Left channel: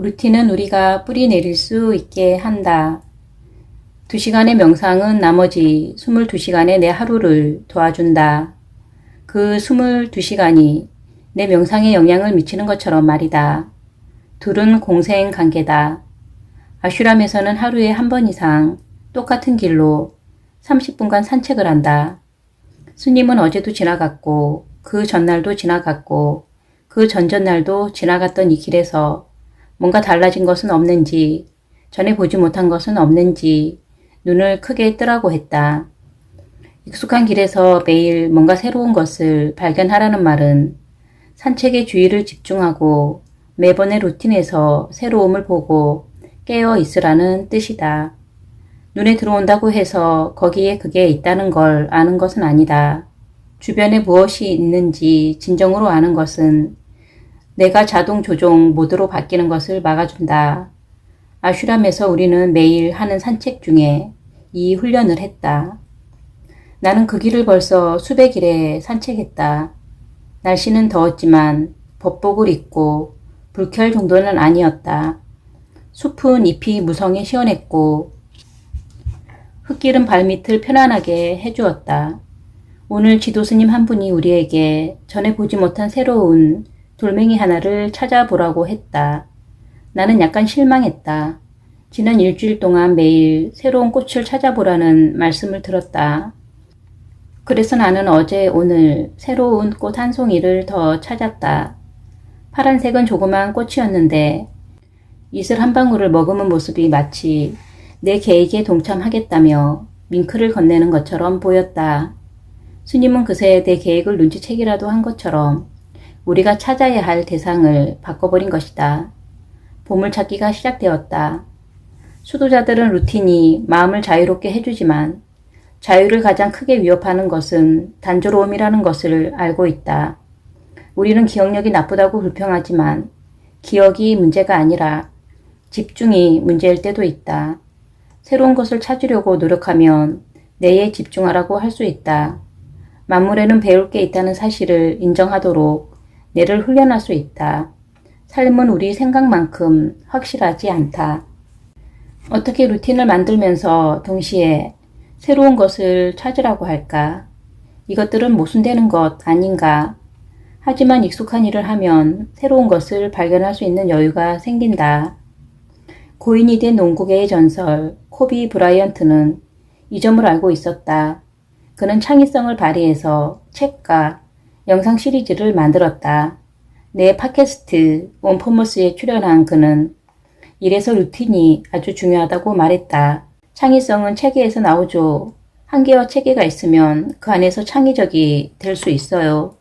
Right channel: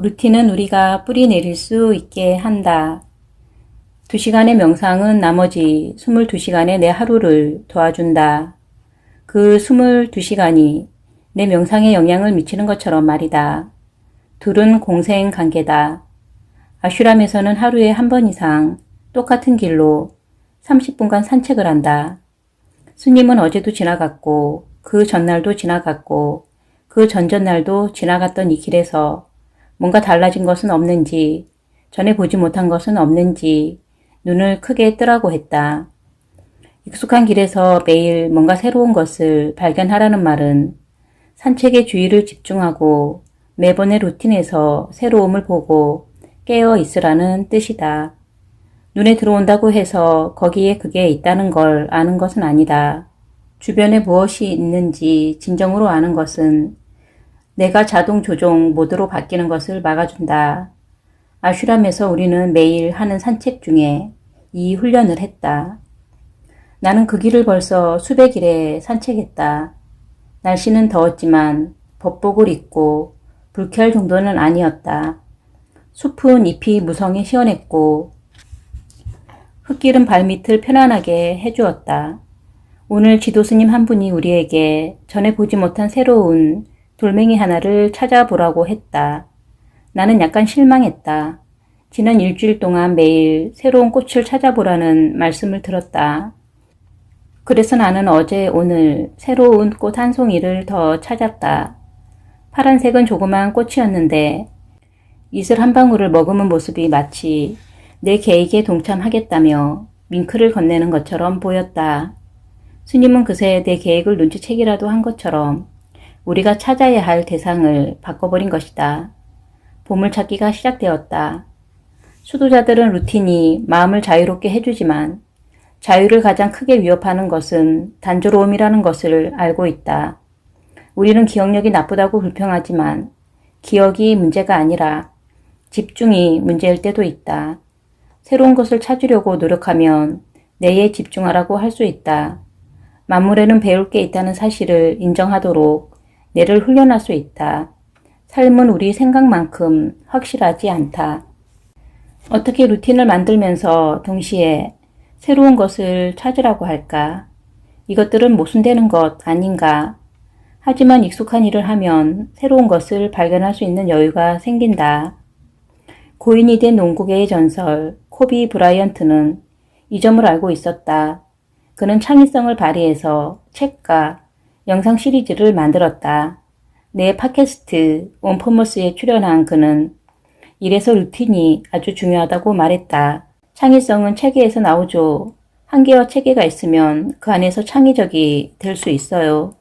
루틴은 우리가 뿌리 내릴 수 있게 한다. 2시간의 명상은 나머지 22시간의 내 하루를 도와준다. 그 22시간이 내 명상에 영향을 미치는 것처럼 말이다. 둘은 공생 관계다. 아슈람에서는 하루에 한 번 이상 똑같은 길로 30분간 산책을 한다. 스님은 어제도 지나갔고 그 전날도 지나갔고 그 전전날도 지나갔던 이 길에서 뭔가 달라진 것은 없는지 전에 보지 못한 것은 없는지 눈을 크게 뜨라고 했다. 익숙한 길에서 매일 뭔가 새로운 것을 발견하라는 말은 산책의 주의를 집중하고 매번의 루틴에서 새로움을 보고 깨어 있으라는 뜻이다. 눈에 들어온다고 해서 거기에 그게 있다는 걸 아는 것은 아니다. 주변에 무엇이 있는지 진정으로 아는 것은 내가 자동 조종 모드로 바뀌는 것을 막아준다. 아슈람에서 우리는 매일 하는 산책 중에 이 훈련을 했다. 나는 그 길을 벌써 수백 일에 산책했다. 날씨는 더웠지만 법복을 입고 불쾌할 정도는 아니었다. 숲은 잎이 무성해 시원했고 흙길은 발밑을 편안하게 해주었다. 오늘 지도스님 한 분이 우리에게 전에 보지 못한 새로운 돌멩이 하나를 찾아보라고 했다. 나는 약간 실망했다. 지난 일주일 동안 매일 새로운 꽃을 찾아보라는 말씀을 들었다. 그래서 나는 어제 오늘 새로운 꽃 한 송이를 더 찾았다. 파란색은 조그마한 꽃이었는데 이슬 한 방울을 머금은 모습이 마치 내 계획에 동참하겠다며 밍크를 건네는 것처럼 보였다. 스님은 그새 내 계획을 눈치채기라도 한 것처럼 우리가 찾아야 할 대상을 바꿔버린 것이다. 보물찾기가 시작되었다. 수도자들은 루틴이 마음을 자유롭게 해주지만 자유를 가장 크게 위협하는 것은 단조로움이라는 것을 알고 있다. 우리는 기억력이 나쁘다고 불평하지만 기억이 문제가 아니라 집중이 문제일 때도 있다. 새로운 것을 찾으려고 노력하면 내에 집중하라고 할 수 있다. 만물에는 배울 게 있다는 사실을 인정하도록 뇌를 훈련할 수 있다. 삶은 우리 생각만큼 확실하지 않다. 어떻게 루틴을 만들면서 동시에 새로운 것을 찾으라고 할까? 이것들은 모순되는 것 아닌가? 하지만 익숙한 일을 하면 새로운 것을 발견할 수 있는 여유가 생긴다. 고인이 된 농구계의 전설 코비 브라이언트는 이 점을 알고 있었다. 그는 창의성을 발휘해서 책과 영상 시리즈를 만들었다. 내 팟캐스트 원포머스에 출연한 그는 이래서 루틴이 아주 중요하다고 말했다. 창의성은 체계에서 나오죠. 한 개와 체계가 있으면 그 안에서 창의적이 될 수 있어요.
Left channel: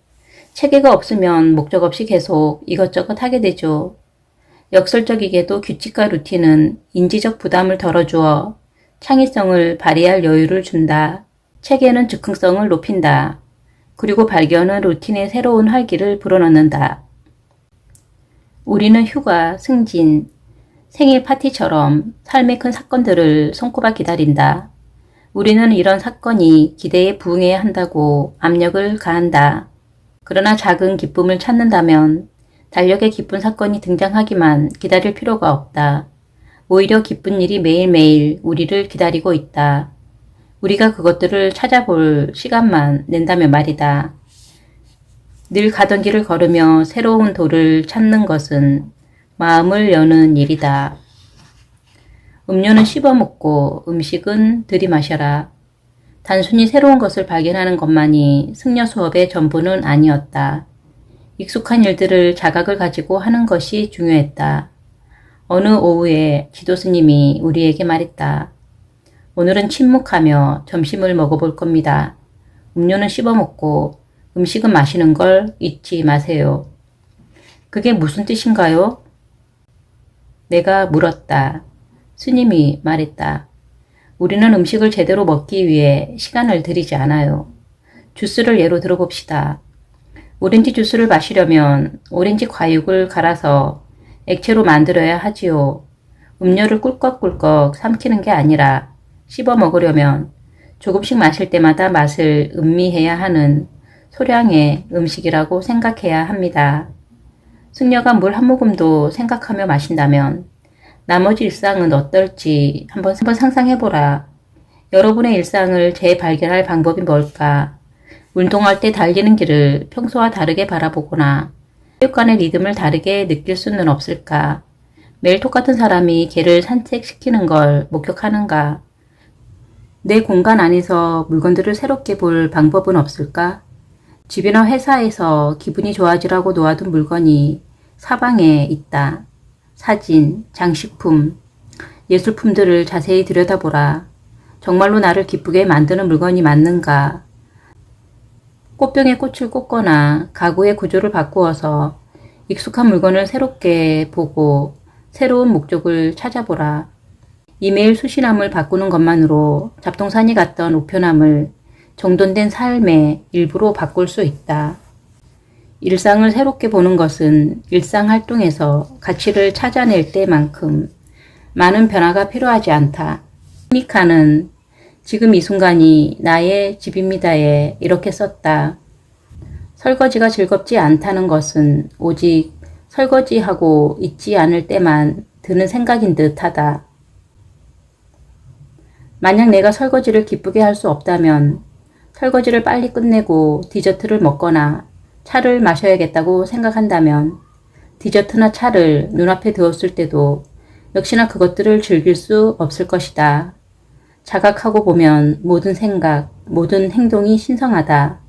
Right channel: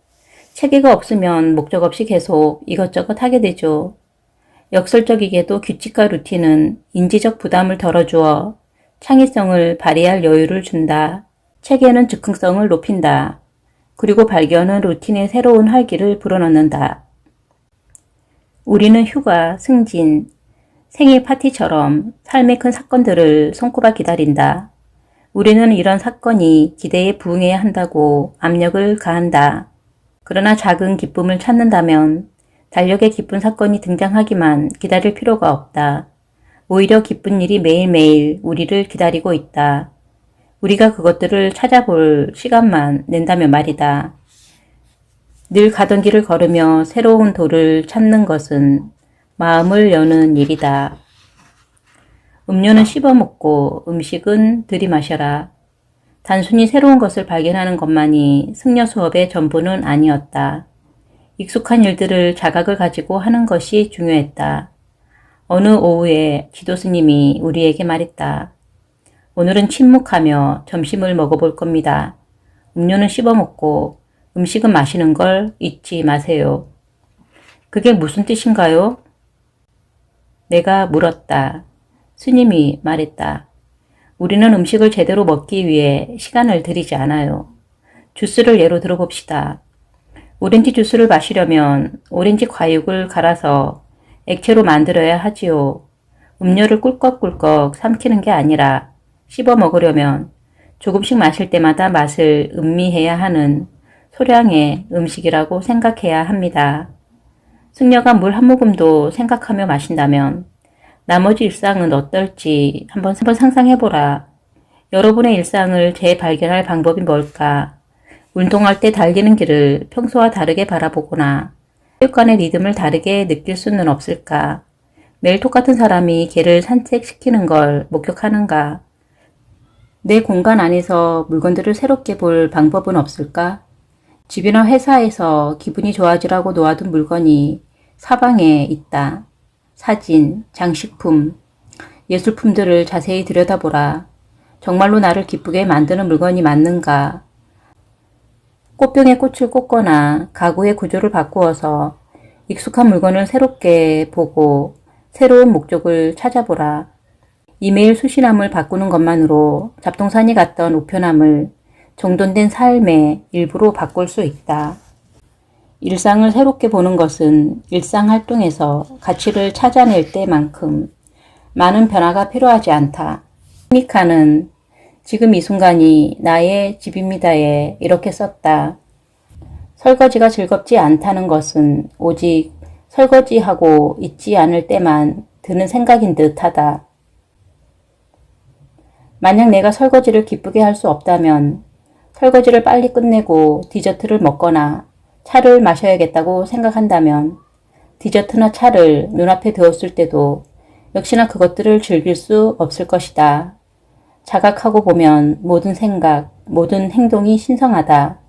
체계가 없으면 목적 없이 계속 이것저것 하게 되죠. 역설적이게도 규칙과 루틴은 인지적 부담을 덜어주어 창의성을 발휘할 여유를 준다. 체계는 즉흥성을 높인다. 그리고 발견은 루틴의 새로운 활기를 불어넣는다. 우리는 휴가, 승진, 생일 파티처럼 삶의 큰 사건들을 손꼽아 기다린다. 우리는 이런 사건이 기대에 부응해야 한다고 압력을 가한다. 그러나 작은 기쁨을 찾는다면 달력에 기쁜 사건이 등장하기만 기다릴 필요가 없다. 오히려 기쁜 일이 매일매일 우리를 기다리고 있다. 우리가 그것들을 찾아볼 시간만 낸다면 말이다. 늘 가던 길을 걸으며 새로운 돌을 찾는 것은 마음을 여는 일이다. 음료는 씹어 먹고 음식은 들이마셔라. 단순히 새로운 것을 발견하는 것만이 승려 수업의 전부는 아니었다. 익숙한 일들을 자각을 가지고 하는 것이 중요했다. 어느 오후에 지도스님이 우리에게 말했다. 오늘은 침묵하며 점심을 먹어볼 겁니다. 음료는 씹어 먹고 음식은 마시는 걸 잊지 마세요. 그게 무슨 뜻인가요? 내가 물었다. 스님이 말했다. 우리는 음식을 제대로 먹기 위해 시간을 들이지 않아요. 주스를 예로 들어봅시다. 오렌지 주스를 마시려면 오렌지 과육을 갈아서 액체로 만들어야 하지요. 음료를 꿀꺽꿀꺽 삼키는 게 아니라 씹어 먹으려면 조금씩 마실 때마다 맛을 음미해야 하는 소량의 음식이라고 생각해야 합니다. 승려가 물 한 모금도 생각하며 마신다면 나머지 일상은 어떨지 한번, 한번 상상해보라. 여러분의 일상을 재발견할 방법이 뭘까? 운동할 때 달리는 길을 평소와 다르게 바라보거나 체육관의 리듬을 다르게 느낄 수는 없을까? 매일 똑같은 사람이 개를 산책시키는 걸 목격하는가? 내 공간 안에서 물건들을 새롭게 볼 방법은 없을까? 집이나 회사에서 기분이 좋아지라고 놓아둔 물건이 사방에 있다. 사진, 장식품, 예술품들을 자세히 들여다보라. 정말로 나를 기쁘게 만드는 물건이 맞는가? 꽃병에 꽃을 꽂거나 가구의 구조를 바꾸어서 익숙한 물건을 새롭게 보고 새로운 목적을 찾아보라. 이메일 수신함을 바꾸는 것만으로 잡동산이 갔던 우편함을 정돈된 삶의 일부로 바꿀 수 있다. 일상을 새롭게 보는 것은 일상 활동에서 가치를 찾아낼 때만큼 많은 변화가 필요하지 않다. 미카는 지금 이 순간이 나의 집입니다에 이렇게 썼다. 설거지가 즐겁지 않다는 것은 오직 설거지하고 있지 않을 때만 드는 생각인 듯 하다. 만약 내가 설거지를 기쁘게 할 수 없다면 설거지를 빨리 끝내고 디저트를 먹거나 차를 마셔야겠다고 생각한다면 디저트나 차를 눈앞에 두었을 때도 역시나 그것들을 즐길 수 없을 것이다. 자각하고 보면 모든 생각, 모든 행동이 신성하다.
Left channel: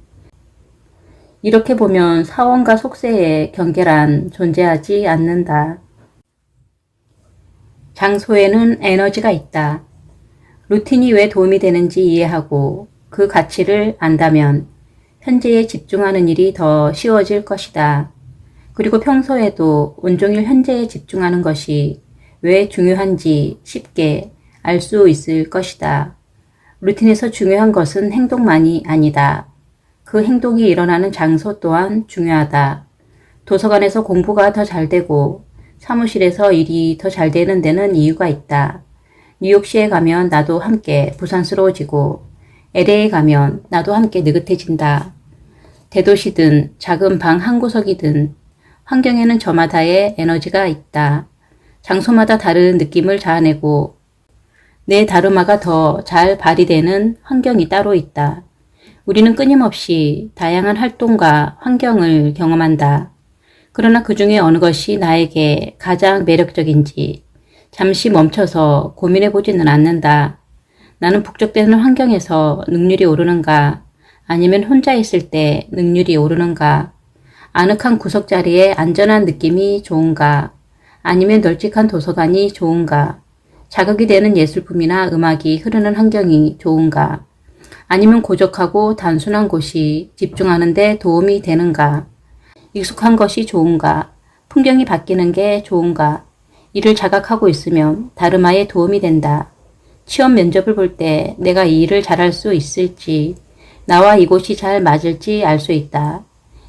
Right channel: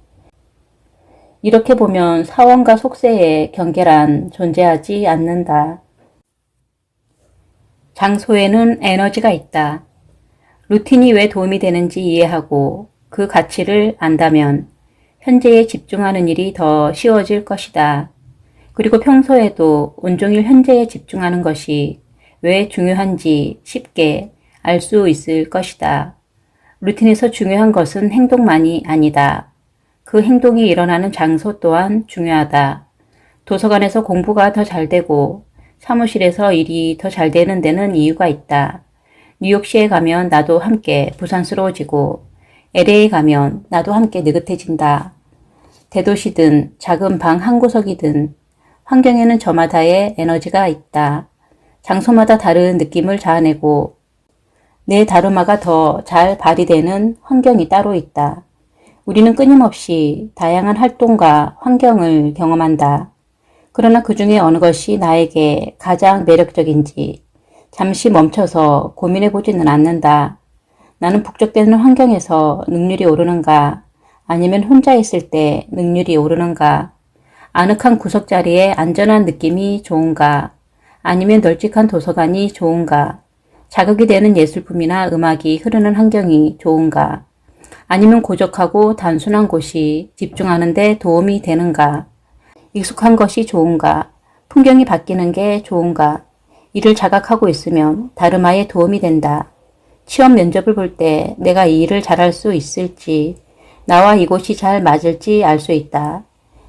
이렇게 보면 사원과 속세의 경계란 존재하지 않는다. 장소에는 에너지가 있다. 루틴이 왜 도움이 되는지 이해하고 그 가치를 안다면 현재에 집중하는 일이 더 쉬워질 것이다. 그리고 평소에도 온종일 현재에 집중하는 것이 왜 중요한지 쉽게 알 수 있을 것이다. 루틴에서 중요한 것은 행동만이 아니다. 그 행동이 일어나는 장소 또한 중요하다. 도서관에서 공부가 더 잘 되고 사무실에서 일이 더 잘 되는 데는 이유가 있다. 뉴욕시에 가면 나도 함께 부산스러워지고 LA에 가면 나도 함께 느긋해진다. 대도시든 작은 방 한 구석이든 환경에는 저마다의 에너지가 있다. 장소마다 다른 느낌을 자아내고 내 다루마가 더 잘 발휘되는 환경이 따로 있다. 우리는 끊임없이 다양한 활동과 환경을 경험한다. 그러나 그 중에 어느 것이 나에게 가장 매력적인지 잠시 멈춰서 고민해 보지는 않는다. 나는 북적대는 환경에서 능률이 오르는가? 아니면 혼자 있을 때 능률이 오르는가? 아늑한 구석자리에 안전한 느낌이 좋은가? 아니면 널찍한 도서관이 좋은가? 자극이 되는 예술품이나 음악이 흐르는 환경이 좋은가? 아니면 고적하고 단순한 곳이 집중하는 데 도움이 되는가? 익숙한 것이 좋은가? 풍경이 바뀌는 게 좋은가? 이를 자각하고 있으면 다름아에 도움이 된다. 취업 면접을 볼 때 내가 이 일을 잘할 수 있을지, 나와 이곳이 잘 맞을지 알 수 있다.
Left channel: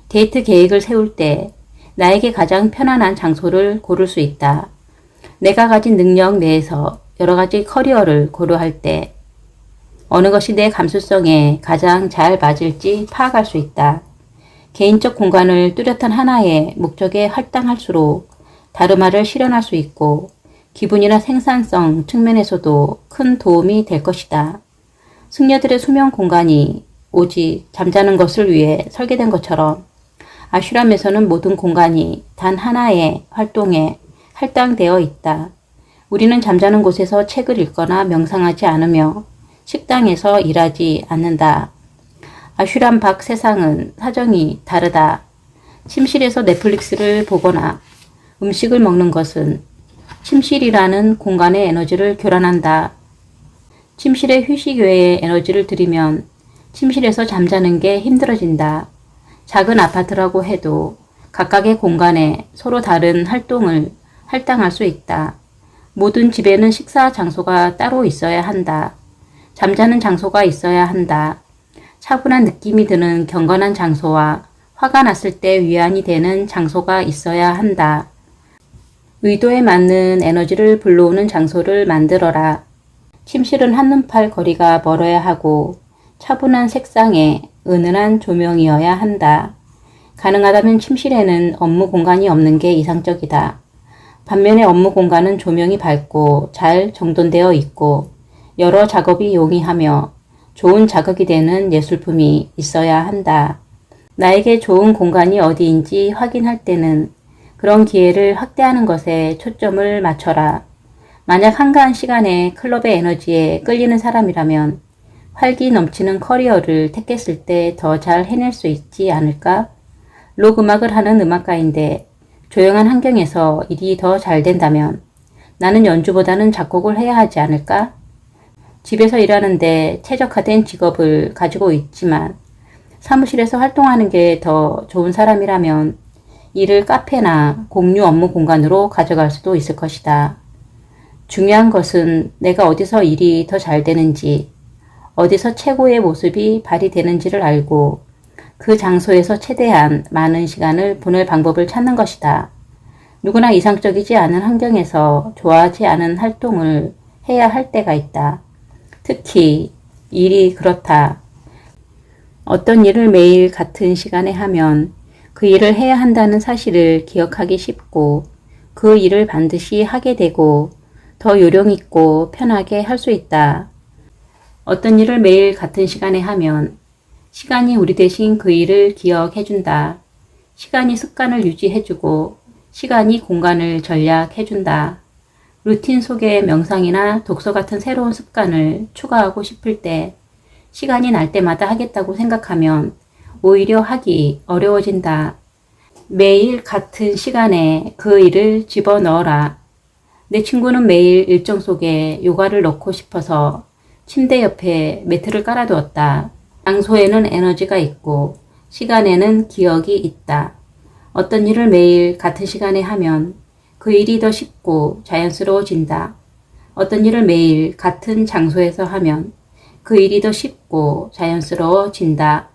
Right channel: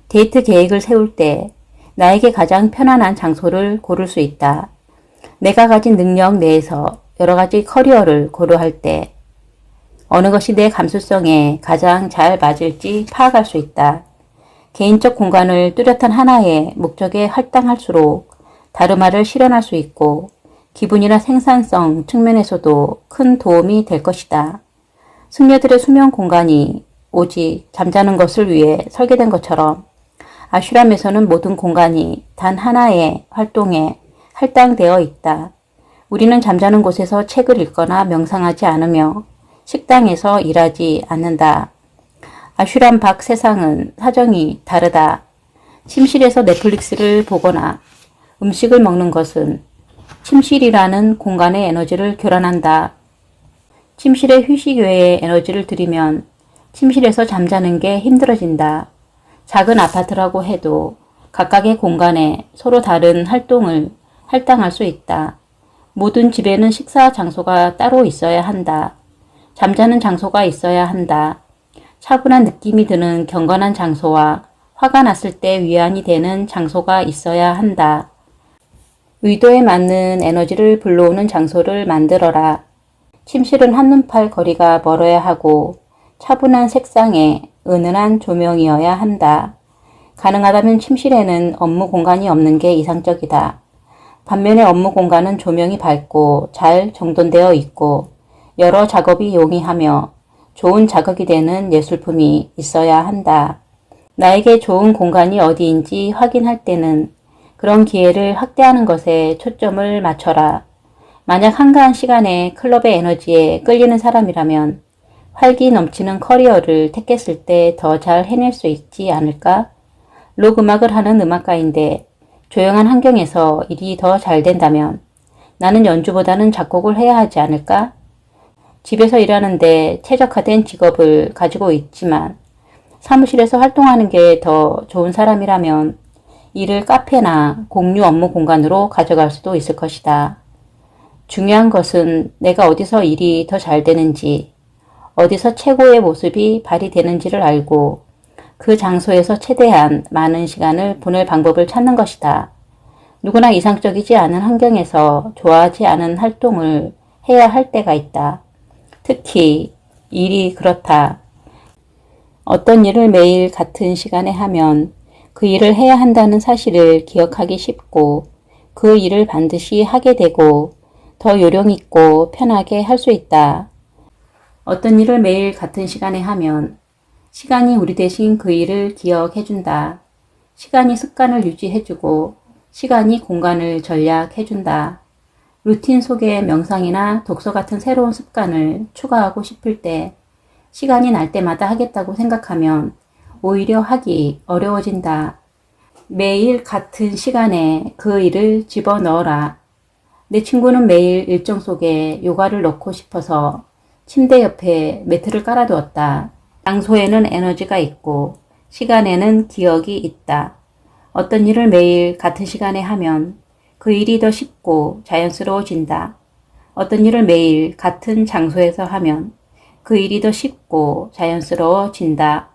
데이트 계획을 세울 때 나에게 가장 편안한 장소를 고를 수 있다. 내가 가진 능력 내에서 여러 가지 커리어를 고려할 때 어느 것이 내 감수성에 가장 잘 맞을지 파악할 수 있다. 개인적 공간을 뚜렷한 하나의 목적에 할당할수록 다르마를 실현할 수 있고 기분이나 생산성 측면에서도 큰 도움이 될 것이다. 승려들의 수면 공간이 오직 잠자는 것을 위해 설계된 것처럼 아슈람에서는 모든 공간이 단 하나의 활동에 할당되어 있다. 우리는 잠자는 곳에서 책을 읽거나 명상하지 않으며 식당에서 일하지 않는다. 아슈람 밖 세상은 사정이 다르다. 침실에서 넷플릭스를 보거나 음식을 먹는 것은 침실이라는 공간의 에너지를 교란한다. 침실에 휴식 외에 에너지를 들이면 침실에서 잠자는 게 힘들어진다. 작은 아파트라고 해도 각각의 공간에 서로 다른 활동을 할당할 수 있다. 모든 집에는 식사 장소가 따로 있어야 한다. 잠자는 장소가 있어야 한다. 차분한 느낌이 드는 경건한 장소와 화가 났을 때 위안이 되는 장소가 있어야 한다. 의도에 맞는 에너지를 불러오는 장소를 만들어라. 침실은 한눈팔 거리가 멀어야 하고 차분한 색상에 은은한 조명이어야 한다. 가능하다면 침실에는 업무 공간이 없는 게 이상적이다. 반면에 업무 공간은 조명이 밝고 잘 정돈되어 있고 여러 작업이 용이하며 좋은 자극이 되는 예술품이 있어야 한다. 나에게 좋은 공간이 어디인지 확인할 때는 그런 기회를 확대하는 것에 초점을 맞춰라. 만약 한가한 시간에 클럽의 에너지에 끌리는 사람이라면 활기 넘치는 커리어를 택했을 때 더 잘 해낼 수 있지 않을까? 록 음악을 하는 음악가인데 조용한 환경에서 일이 더 잘 된다면 나는 연주보다는 작곡을 해야 하지 않을까? 집에서 일하는데 최적화된 직업을 가지고 있지만 사무실에서 활동하는 게 더 좋은 사람이라면 이를 카페나 공유 업무 공간으로 가져갈 수도 있을 것이다. 중요한 것은 내가 어디서 일이 더 잘 되는지, 어디서 최고의 모습이 발휘되는지를 알고 그 장소에서 최대한 많은 시간을 보낼 방법을 찾는 것이다. 누구나 이상적이지 않은 환경에서 좋아하지 않은 활동을 해야 할 때가 있다. 특히 일이 그렇다. 어떤 일을 매일 같은 시간에 하면 그 일을 해야 한다는 사실을 기억하기 쉽고 그 일을 반드시 하게 되고 더 요령 있고 편하게 할 수 있다. 어떤 일을 매일 같은 시간에 하면 시간이 우리 대신 그 일을 기억해준다. 시간이 습관을 유지해주고 시간이 공간을 전략해준다. 루틴 속에 명상이나 독서 같은 새로운 습관을 추가하고 싶을 때 시간이 날 때마다 하겠다고 생각하면 오히려 하기 어려워진다. 매일 같은 시간에 그 일을 집어 넣어라. 내 친구는 매일 일정 속에 요가를 넣고 싶어서 침대 옆에 매트를 깔아두었다. 장소에는 에너지가 있고 시간에는 기억이 있다. 어떤 일을 매일 같은 시간에 하면 그 일이 더 쉽고 자연스러워진다. 어떤 일을 매일 같은 장소에서 하면 그 일이 더 쉽고 자연스러워진다.